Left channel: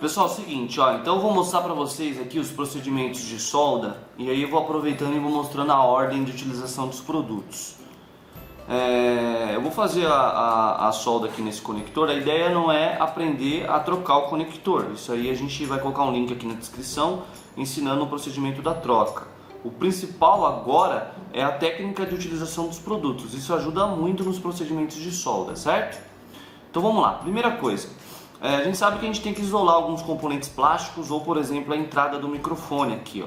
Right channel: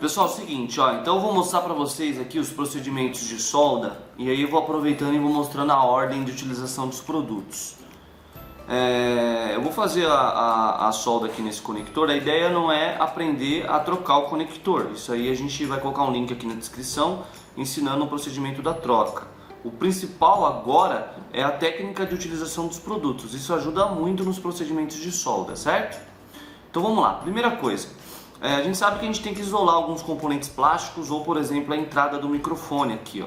Pessoal, é o seguinte, ó, então eu vou mostrar para vocês aqui os procedimentos de solda e aí eu vou aproveitando e vou mostrando a ordem de utilização dos produtos. Eu vou fazer a solda aqui nesse conector. A ideia não é aprender a trocar o conector, isso aí a gente vai colocar um link aqui na descrição ensinando o procedimento da troca. O principal agora é a técnica de utilização dos produtos, isso ajuda muito nos procedimentos de solda, certo? Então vamos lá, primeira coisa. A gente sabe que a gente tem que isolar alguns componentes plásticos ou, por exemplo, a entrada do microfone aqui, ó.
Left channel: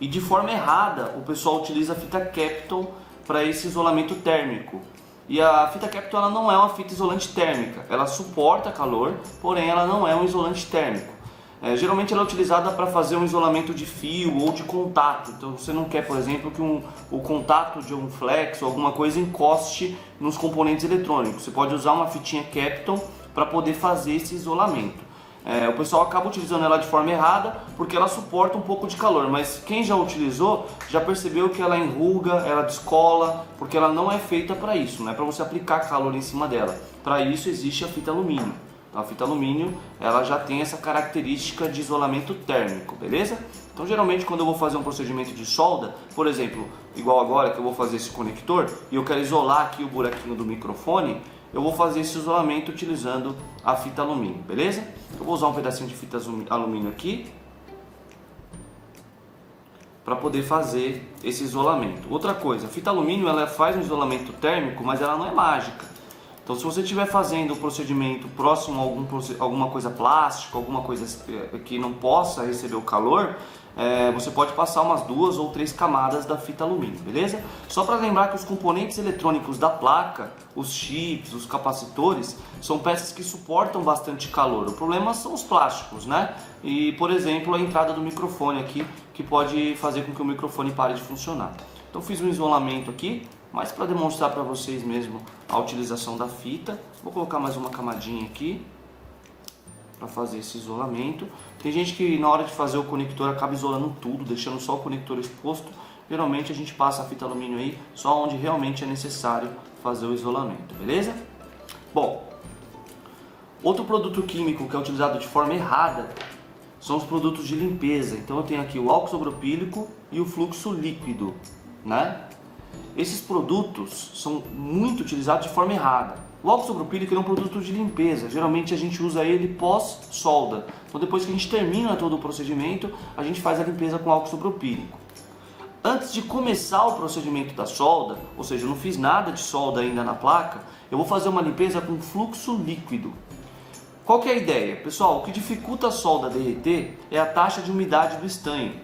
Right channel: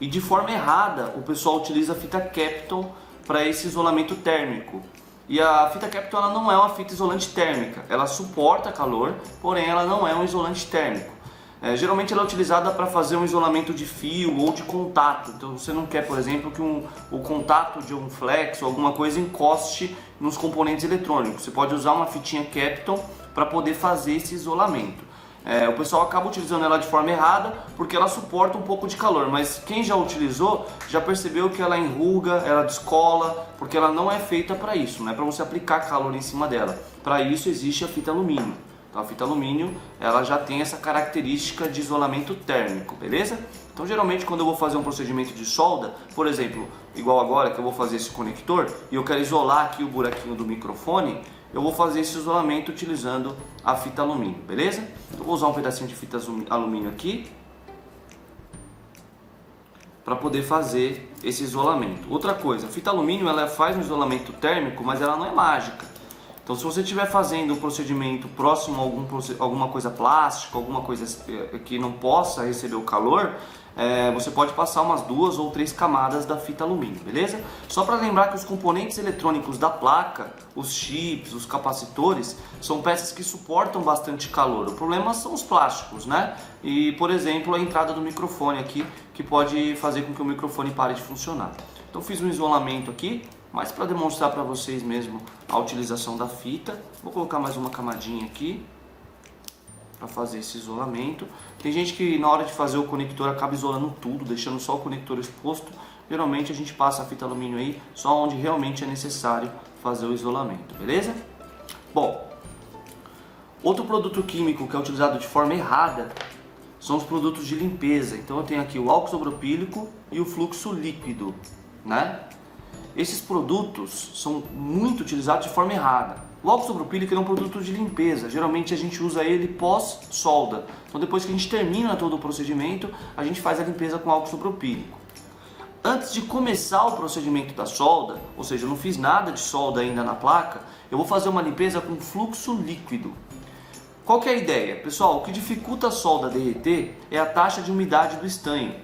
E de forma errada, o pessoal utiliza a fita Kapton para esse isolamento térmico. E a fita Kapton ela não é uma fita isolante térmica, ela suporta calor, porém ela não é um isolante térmico. Geralmente ela é utilizada para fazer um isolamento de fio ou de contato. Então você não quer, por exemplo, que o contato de um flex ou alguma coisa encoste nos componentes eletrônicos. Você pode usar uma fitinha Kapton para poder fazer esse isolamento. O pessoal acaba utilizando ela de forma errada porque ela suporta um pouco de calor, mas quem já utilizou já percebeu que ela enruga, ela descola, porque ela não é feita para isso, não é para você aplicar calor em cima dela. Para isso existe a fita alumínio. Então, a fita alumínio ela já tem essa característica de isolamento térmico, beleza? Então geralmente quando eu vou fazer um procedimento de solda, por exemplo, igual agora que eu vou fazer esse conector e eu quero isolar aqui o buraquinho do microfone, eu vou fazer esse isolamento utilizando a fita alumínio, beleza? Eu vou usar um pedacinho de fita alumínio aqui para poder fazer esse isolamento. Outra coisa, a fita alumínio ela faz um isolamento térmico, mas ela não é mágica. Então se você estiver fazendo um procedimento próximo a alguma coisa plástica, alguma coisa que não possa receber o calor, você pode passar umas 2 ou 3 camadas da fita alumínio, beleza? Só para lembrar que os componentes eletrônicos da placa, os chips, os capacitores, são peças que suportam bastante calor. O problema são os plásticos, né? E, por exemplo, a entrada do microfone aqui, que pode fazer com que o microfone pare de funcionar. Então fiz um isolamento aqui, mas para demonstrar para vocês mesmo a utilização da fita, vou colocar mais uma camadinha aqui para fazer esse isolamento. Tem gente que na hora de fazer o conector acaba isolando tudo, deixando só o conector exposto. Geralmente a gente passa a fita alumínio aí só onde realmente é necessário fazer o isolamento, beleza? Bom, outro produto químico que é utilizado de forma errada são os produtos de limpeza. Então eu tenho aqui o álcool isopropílico e o fluxo líquido, né? Esses produtos são muito utilizados de forma errada. O álcool isopropílico é um produto de limpeza, geralmente a gente usa ele pós-solda. Então depois que a gente termina todo o procedimento, a gente faz a limpeza com álcool isopropílico. Antes de começar o procedimento da solda, ou seja, eu não fiz nada de solda ainda na placa, eu vou fazer uma limpeza com fluxo líquido. Qual que é a ideia? Pessoal, o que dificulta a solda derreter é a taxa de umidade do estanho.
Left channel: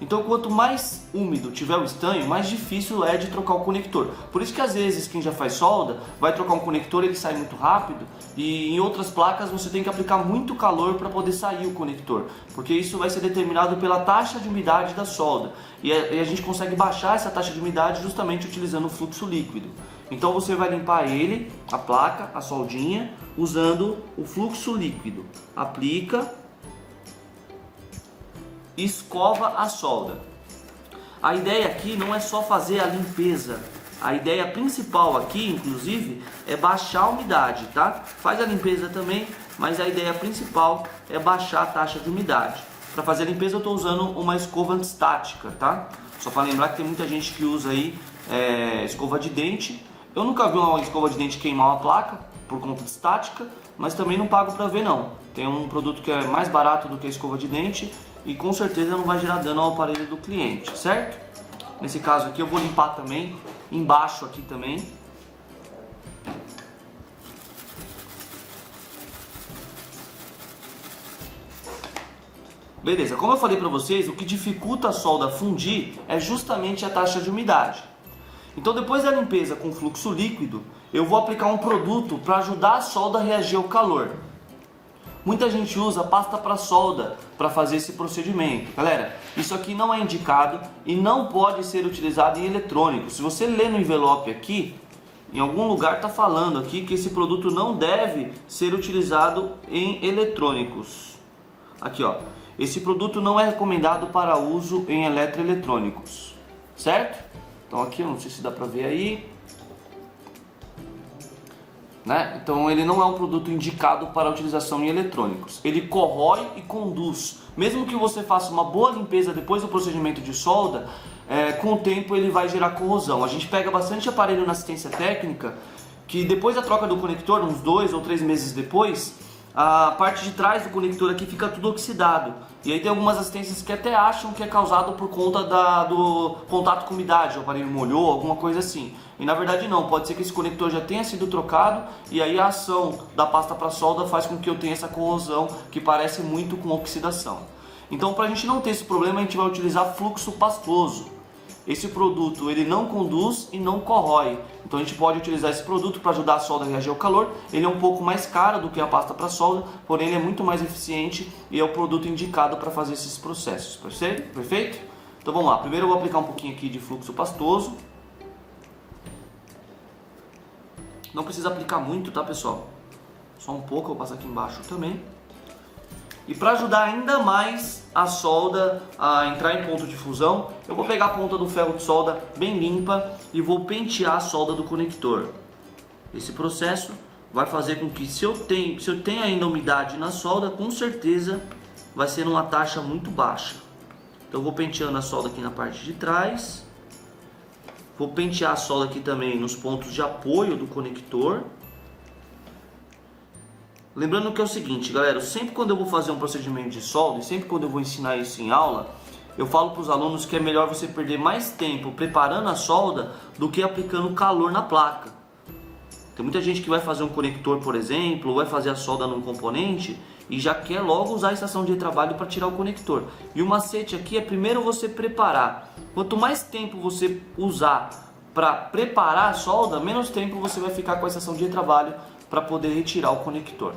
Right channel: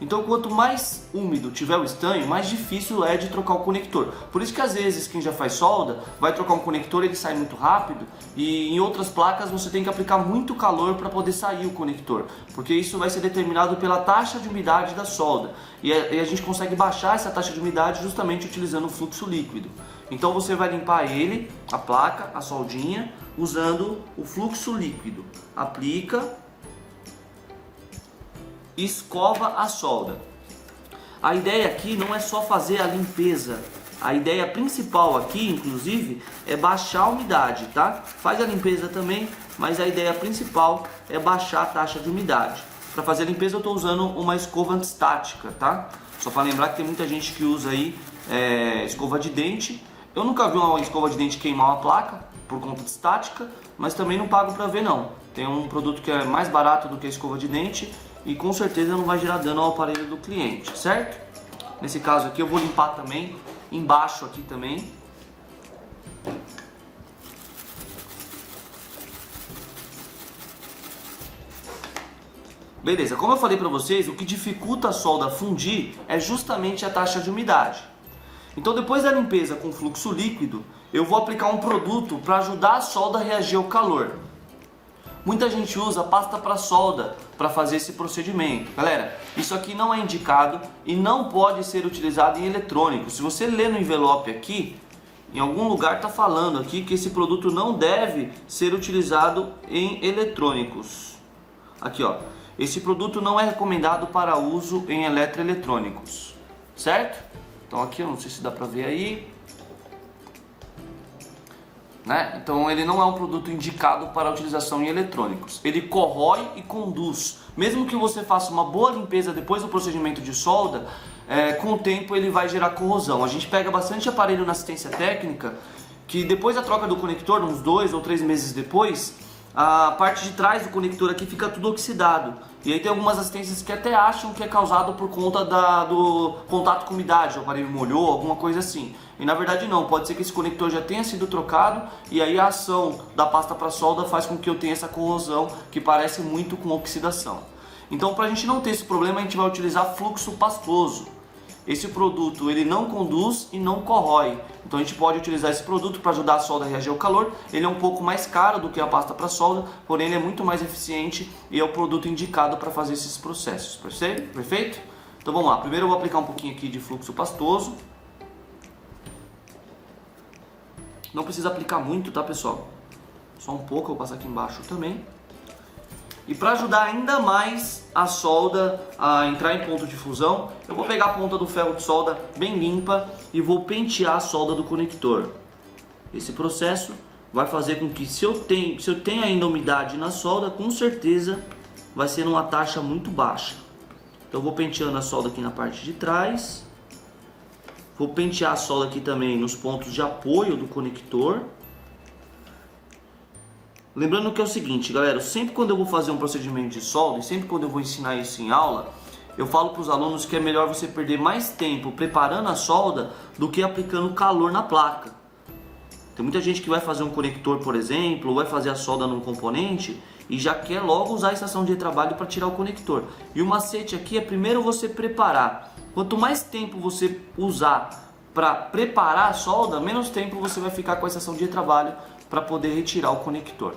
Então, quanto mais úmido tiver o estanho, mais difícil é de trocar o conector. Por isso que às vezes quem já faz solda vai trocar um conector, ele sai muito rápido, e em outras placas você tem que aplicar muito calor para poder sair o conector, porque isso vai ser determinado pela taxa de umidade da solda. E a gente consegue baixar essa taxa de umidade justamente utilizando o fluxo líquido. Então você vai limpar ele, a placa, a soldinha, usando o fluxo líquido. Aplica, escova a solda. A ideia aqui não é só fazer a limpeza. A ideia principal aqui, inclusive, é baixar a umidade, tá? Faz a limpeza também, mas a ideia principal é baixar a taxa de umidade. Para fazer a limpeza eu estou usando uma escova antistática, tá? Só para lembrar que tem muita gente que usa aí escova de dente. Eu nunca vi uma escova de dente queimar uma placa por conta de estática, mas também não pago para ver não. Tem um produto que é mais barato do que a escova de dente e com certeza não vai gerar dano ao aparelho do cliente, certo? Nesse caso aqui eu vou limpar também, embaixo aqui também. Beleza, como eu falei para vocês, o que dificulta a solda fundir é justamente a taxa de umidade. Então depois da limpeza com fluxo líquido, eu vou aplicar um produto para ajudar a solda a reagir ao calor. Muita gente usa pasta para solda para fazer esse procedimento. Galera, isso aqui não é indicado e não pode ser utilizado em eletrônicos. Se você ler no envelope aqui, em algum lugar está falando aqui que esse produto não deve ser utilizado em eletrônicos. Aqui ó, esse produto não é recomendado para uso em eletroeletrônicos, certo? Então aqui, eu não sei se dá para ver aí. né? Então ele não é um produto indicado para utilização em eletrônicos. Ele corrói e conduz. Mesmo que você faça uma boa limpeza depois do procedimento de solda, com o tempo ele vai gerar corrosão. A gente pega bastante aparelho na assistência técnica que depois da troca do conector, uns 2 ou 3 meses depois, a parte de trás do conector aqui fica tudo oxidado. E aí tem algumas assistências que até acham que é causado por conta do contato com umidade, o aparelho molhou, alguma coisa assim. E na verdade não, pode ser que esse conector já tenha sido trocado e aí a ação da pasta para solda faz com que eu tenha essa corrosão que parece muito com oxidação. Então, para a gente não ter esse problema, a gente vai utilizar fluxo pastoso. Esse produto ele não conduz e não corrói. Então a gente pode utilizar esse produto para ajudar a solda a reagir ao calor. Ele é um pouco mais caro do que a pasta para solda, porém ele é muito mais eficiente e é o produto indicado para fazer esses processos. Perfeito? Então vamos lá. Primeiro eu vou aplicar um pouquinho aqui de fluxo pastoso. Não precisa aplicar muito, tá, pessoal? Só um pouco, eu vou passar aqui embaixo também. E para ajudar ainda mais a solda a entrar em ponto de fusão, eu vou pegar a ponta do ferro de solda bem limpa e vou pentear a solda do conector. Esse processo vai fazer com que, se eu tenho ainda umidade na solda, com certeza vai ser numa taxa muito baixa. Então eu vou penteando a solda aqui na parte de trás. Vou pentear a solda aqui também nos pontos de apoio do conector. Lembrando que é o seguinte, galera, sempre quando eu vou fazer um procedimento de solda, e sempre quando eu vou ensinar isso em aula, eu falo para os alunos que é melhor você perder mais tempo preparando a solda do que aplicando calor na placa. Tem muita gente que vai fazer um conector, por exemplo, ou vai fazer a solda num componente e já quer logo usar a estação de trabalho para tirar o conector. E o macete aqui é primeiro você preparar. Quanto mais tempo você usar para preparar a solda, menos tempo você vai ficar com a estação de trabalho para poder retirar o conector.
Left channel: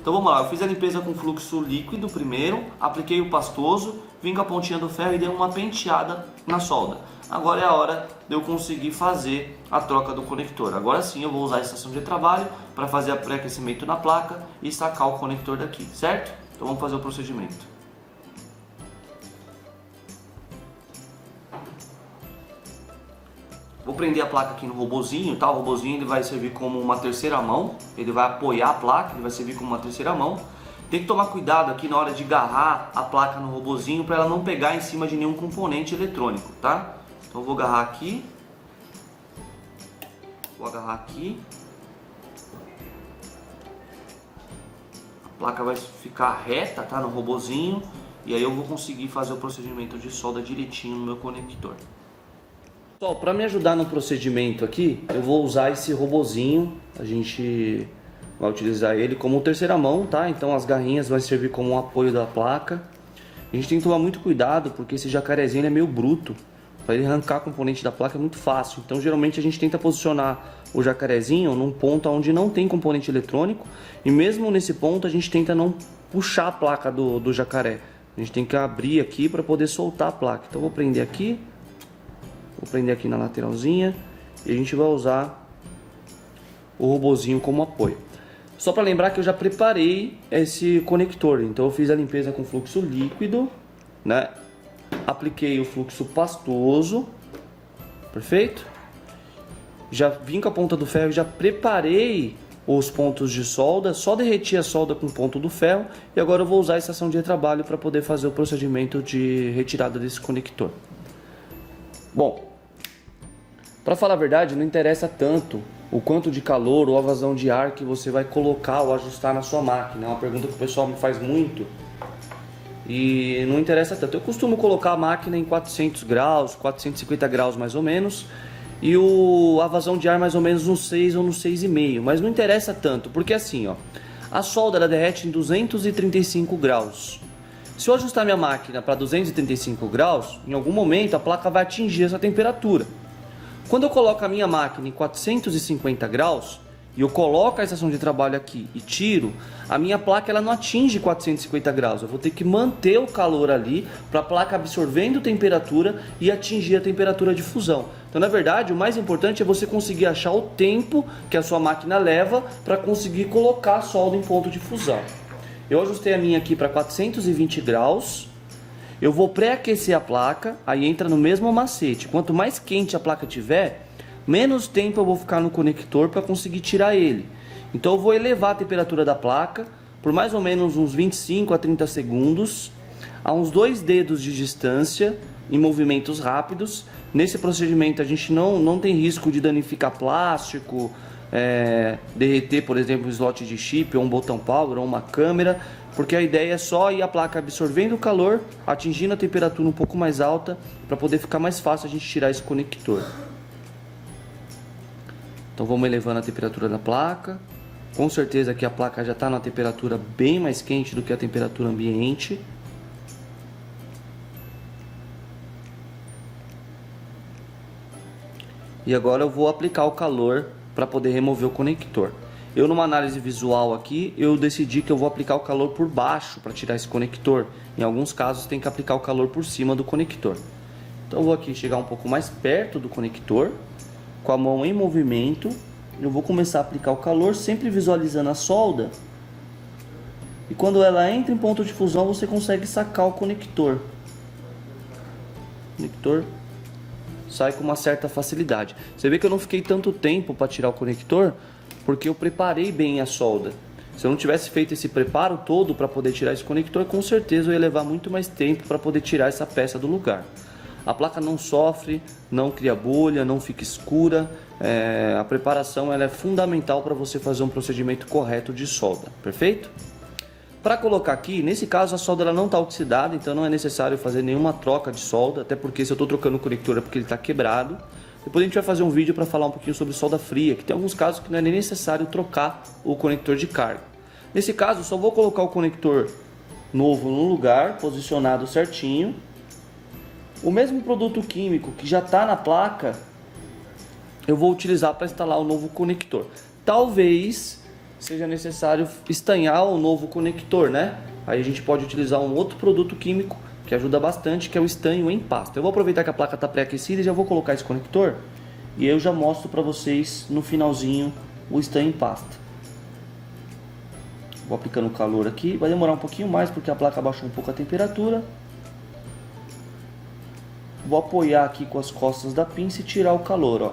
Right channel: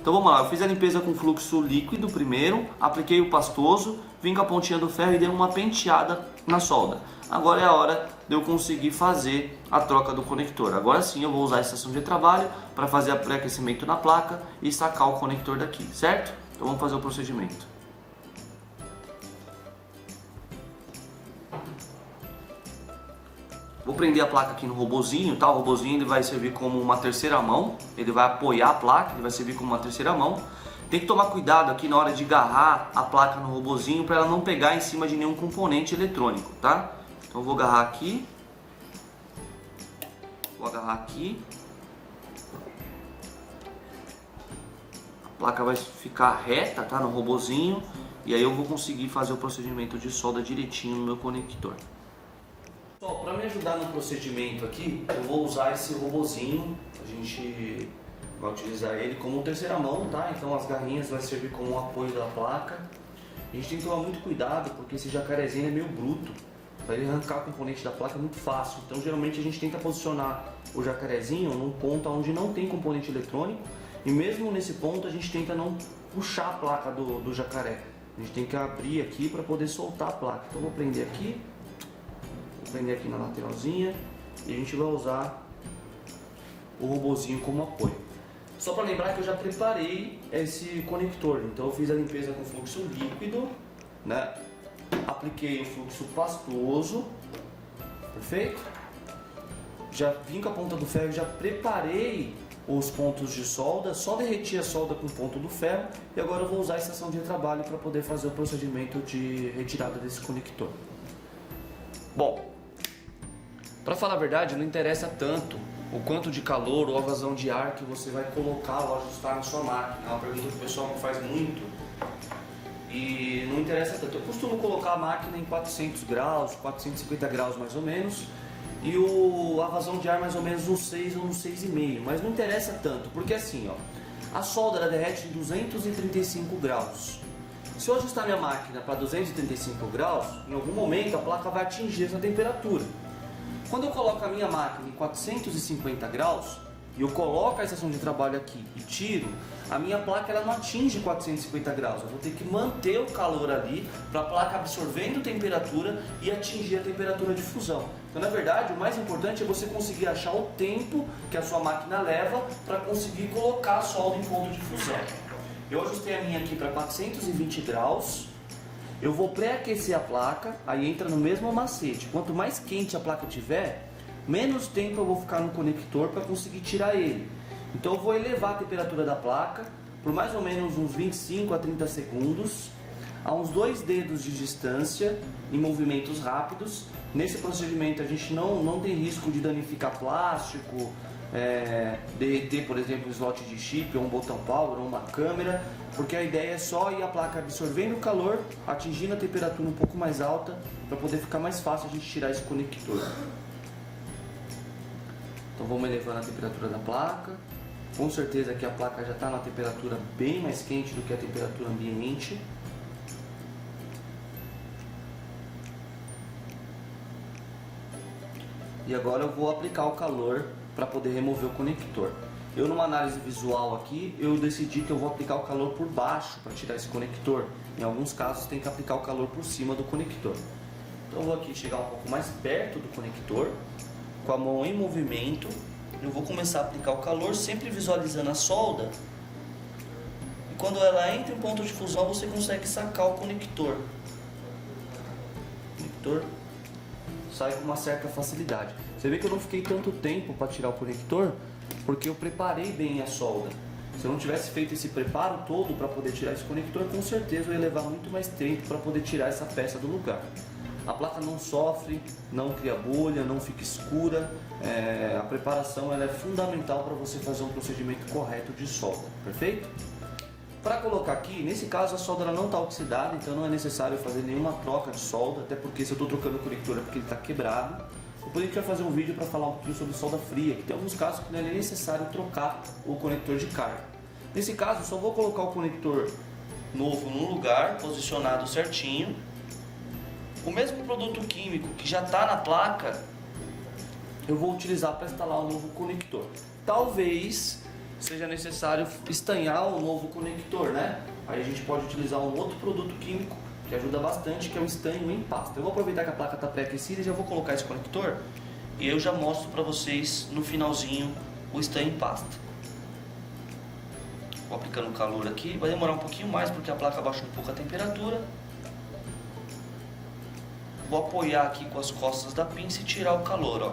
Então vamos lá, eu fiz a limpeza com fluxo líquido primeiro, apliquei o pastoso, vim com a pontinha do ferro e dei uma penteada na solda. Agora é a hora de eu conseguir fazer a troca do conector. Agora sim eu vou usar a estação de trabalho para fazer o pré-aquecimento na placa e sacar o conector daqui, certo? Então vamos fazer o procedimento. Vou prender a placa aqui no robozinho, tá? O robozinho ele vai servir como uma terceira mão, ele vai apoiar a placa, ele vai servir como uma terceira mão. Tem que tomar cuidado aqui na hora de agarrar a placa no robozinho para ela não pegar em cima de nenhum componente eletrônico, tá? Então eu vou agarrar aqui. Vou agarrar aqui. A placa vai ficar reta, tá? No robozinho. E aí eu vou conseguir fazer o procedimento de solda direitinho no meu conector. Pessoal, para me ajudar no procedimento aqui, eu vou usar esse robozinho. A gente vai utilizar ele como terceira mão, tá? Então as garrinhas vai servir como um apoio da placa. A gente tem que tomar muito cuidado porque esse jacarezinho é meio bruto. Para ele arrancar componente da placa é muito fácil. Então geralmente a gente tenta posicionar o jacarezinho num ponto onde não tem componente eletrônico. E mesmo nesse ponto a gente tenta não puxar a placa do jacaré. A gente tem que abrir aqui para poder soltar a placa. Então eu vou prender aqui. Vou prender aqui na lateralzinha e a gente vai usar o robozinho como apoio. Só para lembrar que eu já preparei esse conector, então eu fiz a limpeza com fluxo líquido, né? Apliquei o fluxo pastoso, perfeito? Já vim com a ponta do ferro, já preparei os pontos de solda, só derreti a solda com o ponto do ferro e agora eu vou usar a estação de trabalho para poder fazer o procedimento de retirada desse conector. Bom, para falar a verdade, não interessa tanto o quanto de calor ou a vazão de ar que você vai colocar ou ajustar na sua máquina. É uma pergunta que o pessoal me faz muito e não interessa tanto. Eu costumo colocar a máquina em 400 graus, 450 graus mais ou menos, e a vazão de ar mais ou menos no 6 ou no 6,5, mas não interessa tanto, porque assim, ó, a solda ela derrete em 235 graus. Se eu ajustar minha máquina para 235 graus, em algum momento a placa vai atingir essa temperatura. Quando eu coloco a minha máquina em 450 graus e eu coloco a estação de trabalho aqui e tiro, a minha placa ela não atinge 450 graus. Eu vou ter que manter o calor ali para a placa absorvendo temperatura e atingir a temperatura de fusão. Então, na verdade, o mais importante é você conseguir achar o tempo que a sua máquina leva para conseguir colocar a solda em ponto de fusão. Eu ajustei a minha aqui para 420 graus. Eu vou pré-aquecer a placa, aí entra no mesmo macete. Quanto mais quente a placa tiver, menos tempo eu vou ficar no conector para conseguir tirar ele. Então eu vou elevar a temperatura da placa por mais ou menos uns 25 a 30 segundos, a uns 2 dedos de distância, em movimentos rápidos. Nesse procedimento a gente não tem risco de danificar plástico, derreter, por exemplo, um slot de chip, ou um botão power, ou uma câmera, porque a ideia é só ir a placa absorvendo o calor, atingindo a temperatura um pouco mais alta, para poder ficar mais fácil a gente tirar esse conector. Então vamos elevando a temperatura da placa. Com certeza que a placa já está na temperatura bem mais quente do que a temperatura ambiente. E agora eu vou aplicar o calor para poder remover o conector. Eu, numa análise visual aqui, eu decidi que eu vou aplicar o calor por baixo para tirar esse conector. Em alguns casos tem que aplicar o calor por cima do conector. Então eu vou aqui chegar um pouco mais perto do conector, com a mão em movimento. Eu vou começar a aplicar o calor, sempre visualizando a solda. E quando ela entra em ponto de fusão, você consegue sacar o conector. O conector sai com uma certa facilidade. Você vê que eu não fiquei tanto tempo para tirar o conector, porque eu preparei bem a solda. Se eu não tivesse feito esse preparo todo para poder tirar esse conector, com certeza eu ia levar muito mais tempo para poder tirar essa peça do lugar. A placa não sofre, não cria bolha, não fica escura. A preparação ela é fundamental para você fazer um procedimento correto de solda, perfeito? Para colocar aqui, nesse caso a solda ela não está oxidada, então não é necessário fazer nenhuma troca de solda, até porque se eu estou trocando o conector é porque ele está quebrado. Depois a gente vai fazer um vídeo para falar um pouquinho sobre solda fria, que tem alguns casos que não é nem necessário trocar o conector de carga. Nesse caso, eu só vou colocar o conector novo no lugar, posicionado certinho. O mesmo produto químico que já está na placa, eu vou utilizar para instalar o novo conector. Talvez seja necessário estanhar o novo conector, né? Aí a gente pode utilizar um outro produto químico que ajuda bastante, que é o estanho em pasta. Eu vou aproveitar que a placa está pré-aquecida e já vou colocar esse conector e eu já mostro para vocês no finalzinho o estanho em pasta. Vou aplicando o calor aqui, vai demorar um pouquinho mais porque a placa baixou um pouco a temperatura. Vou apoiar aqui com as costas da pinça e tirar o calor, ó.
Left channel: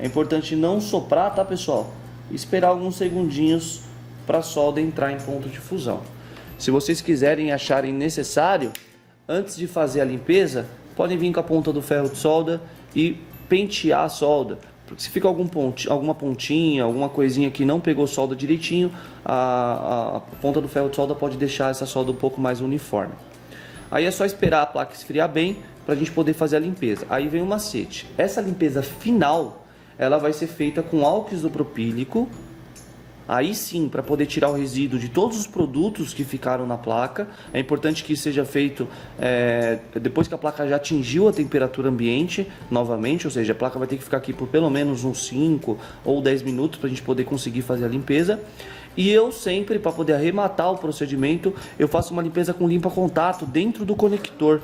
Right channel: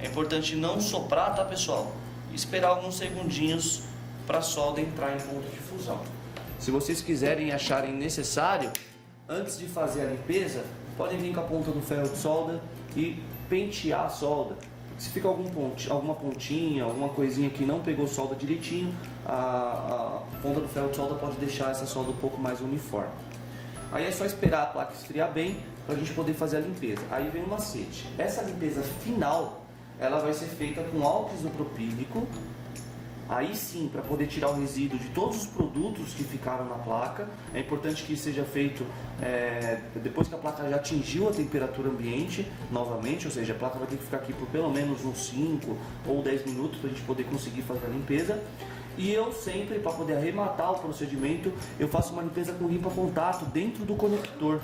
É importante não soprar, tá, pessoal? E esperar alguns segundinhos para a solda entrar em ponto de fusão. Se vocês quiserem e acharem necessário, antes de fazer a limpeza, podem vir com a ponta do ferro de solda e pentear a solda. Porque se fica alguma pontinha, alguma coisinha que não pegou solda direitinho, a ponta do ferro de solda pode deixar essa solda um pouco mais uniforme. Aí é só esperar a placa esfriar bem para a gente poder fazer a limpeza. Aí vem o macete. Essa limpeza final, ela vai ser feita com álcool isopropílico. Aí sim, para poder tirar o resíduo de todos os produtos que ficaram na placa. É importante que isso seja feito depois que a placa já atingiu a temperatura ambiente novamente, ou seja, a placa vai ter que ficar aqui por pelo menos uns 5 ou 10 minutos para a gente poder conseguir fazer a limpeza. E eu sempre, para poder arrematar o procedimento, eu faço uma limpeza com limpa-contato dentro do conector.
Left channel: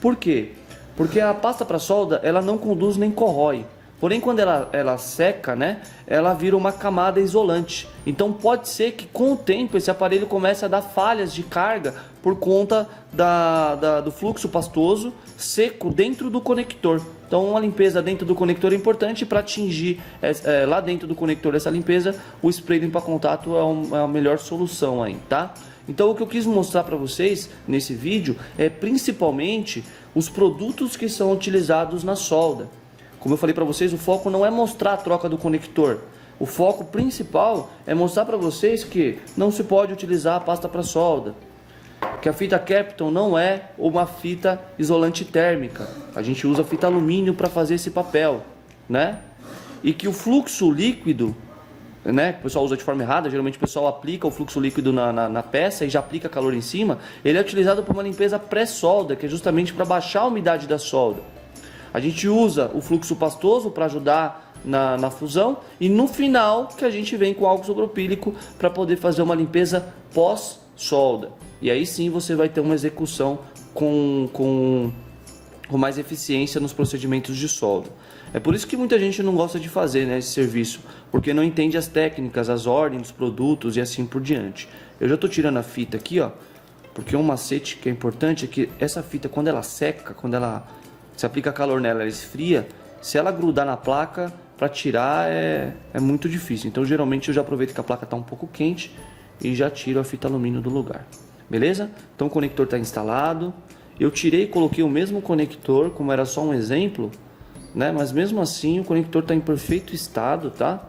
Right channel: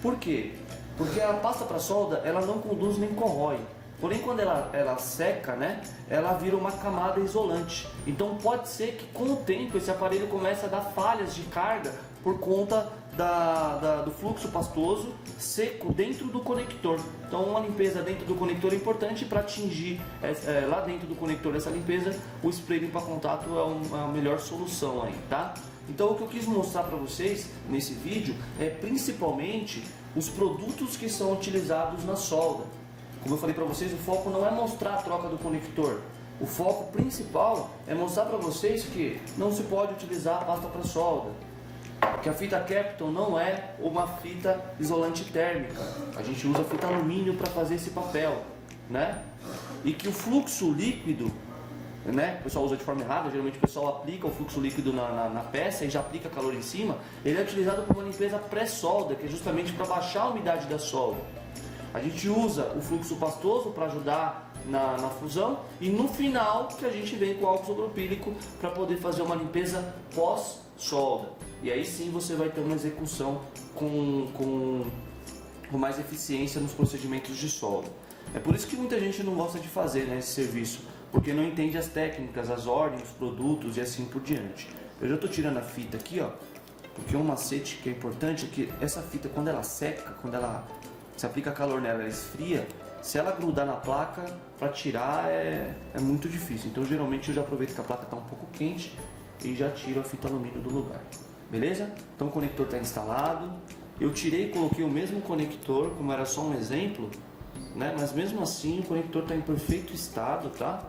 Por quê? Porque a pasta para solda, ela não conduz nem corrói. Porém, quando ela seca, né, ela vira uma camada isolante. Então pode ser que com o tempo esse aparelho comece a dar falhas de carga por conta do fluxo pastoso seco dentro do conector. Então uma limpeza dentro do conector é importante. Para atingir lá dentro do conector essa limpeza, o spray limpa-contato é a melhor solução aí, tá? Então o que eu quis mostrar para vocês nesse vídeo é principalmente os produtos que são utilizados na solda. Como eu falei para vocês, o foco não é mostrar a troca do conector. O foco principal é mostrar para vocês que não se pode utilizar a pasta para solda. Que a fita Kapton não é uma fita isolante térmica. A gente usa fita alumínio para fazer esse papel, né? E que o fluxo líquido, né, o pessoal usa de forma errada, geralmente o pessoal aplica o fluxo líquido na peça e já aplica calor em cima. Ele é utilizado para uma limpeza pré-solda, que é justamente para baixar a umidade da solda. A gente usa o fluxo pastoso para ajudar na fusão e no final que a gente vem com álcool isopropílico para poder fazer uma limpeza pós-solda. E aí sim você vai ter uma execução com mais eficiência nos procedimentos de solda. É por isso que muita gente não gosta de fazer, né, esse serviço, porque não entende as técnicas, as ordens, os produtos e assim por diante. Eu já estou tirando a fita aqui, ó, porque um macete que é importante é que essa fita, quando ela seca, quando ela se aplica calor nela, ela esfria. Se ela grudar na placa, para tirar é muito difícil. Então geralmente eu já aproveito que a placa está um pouco quente e já tiro a fita alumínio do lugar. Beleza? Então o conector está instalado. Eu tirei e coloquei o mesmo conector, como era só um exemplo, né? Mas mesmo assim o conector está em perfeito estado, tá?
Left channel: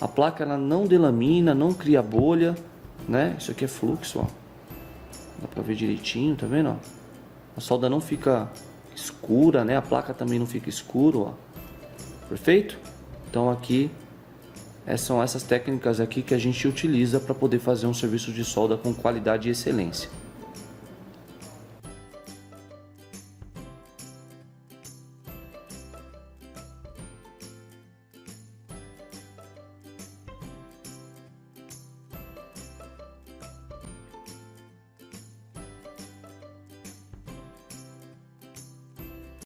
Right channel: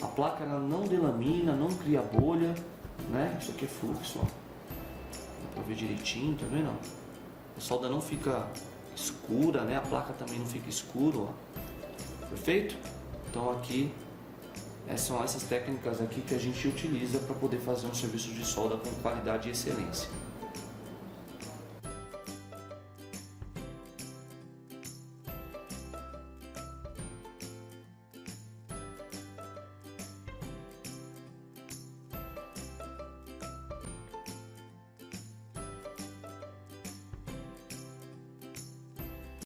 A placa ela não delamina, não cria bolha, né? Isso aqui é fluxo, ó. Dá pra ver direitinho, tá vendo? Ó? A solda não fica escura, né? A placa também não fica escuro, ó. Perfeito? Então aqui são essas técnicas aqui que a gente utiliza para poder fazer um serviço de solda com qualidade e excelência.